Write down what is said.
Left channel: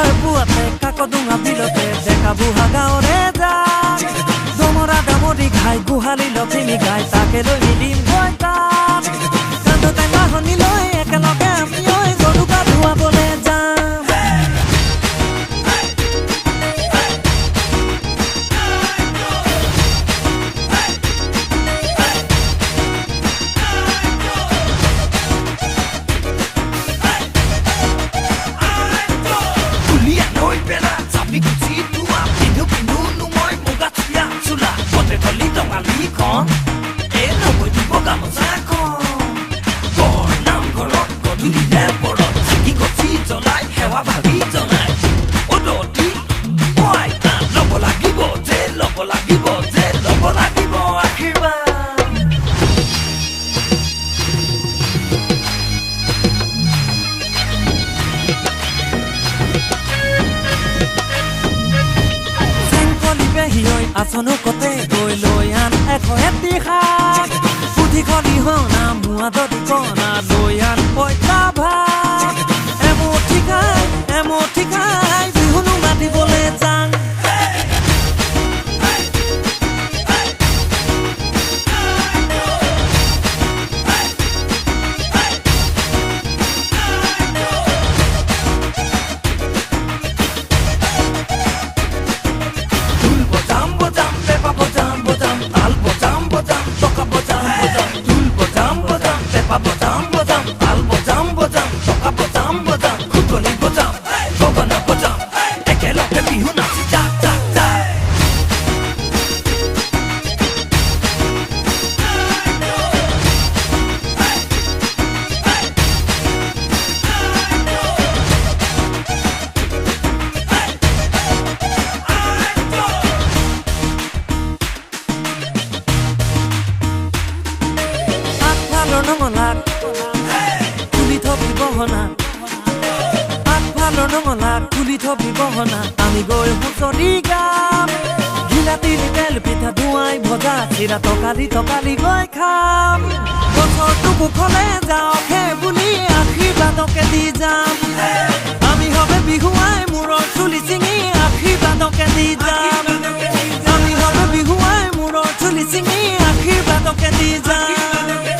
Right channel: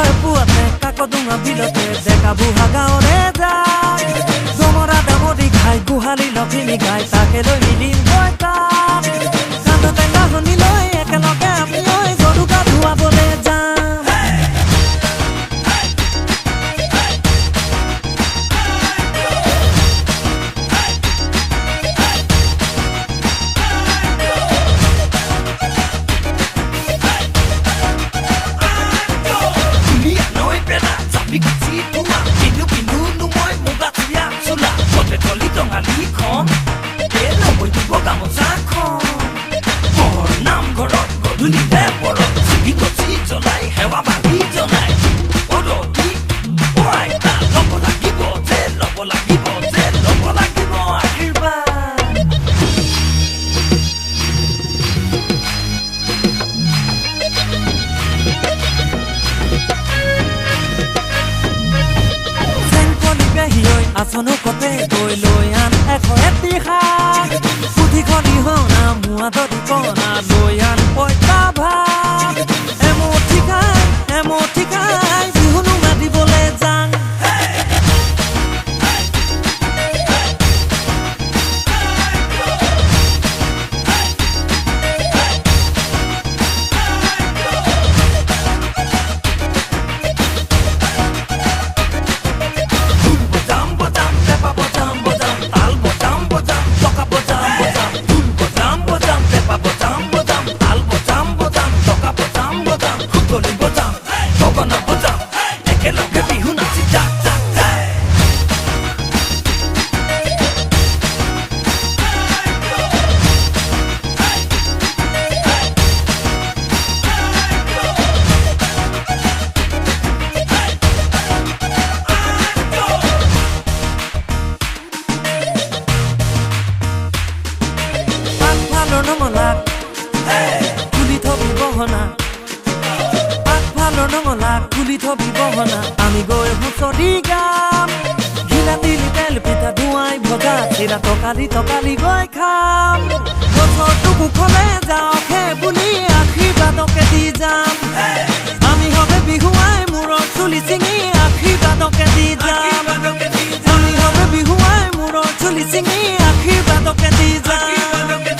হয় পুৱাতে কাকডোঙা বিলতে ডেকা বুঢ়া গাঁৱৰে যায় দমৰা দামৰি ঘাই গোহালি লখিমী গাই তাকে লৈ মিলিম গৈ তাত কান্ধতে নাহনি লৈ একেলগে আমি গৰু গা ধুৱাবলৈ যাম আসনো কতে গৈ লৈ আন এটি শাক পুথি খলি হনা মুৱা দদি কনা লৈ আন পইতা ভাত এমুঠি খাই বিহুনো মাতিবলৈ যাং নঙলাক খুলি থবি বহনা আগফালৰ নঙলাক খুলি থবি বহনা আমি গৈ হুঁচৰি গাম ঘিলাতিলি তেল পিঠা ধুৱাই ভজা চিৰা তকালি গৈ খাম বছৰটো কুশলে যাওক হে বুলি আশীৰ্বাদকে দি যাম আমি হবে বিহুৱাই মূৰৰ চুলি চিঙি আশীৰ্বাদকে দি যাম আমি হবে বিহুৱাই মূৰৰ চুলি চিঙি আশীৰ্বাদকে দি যাম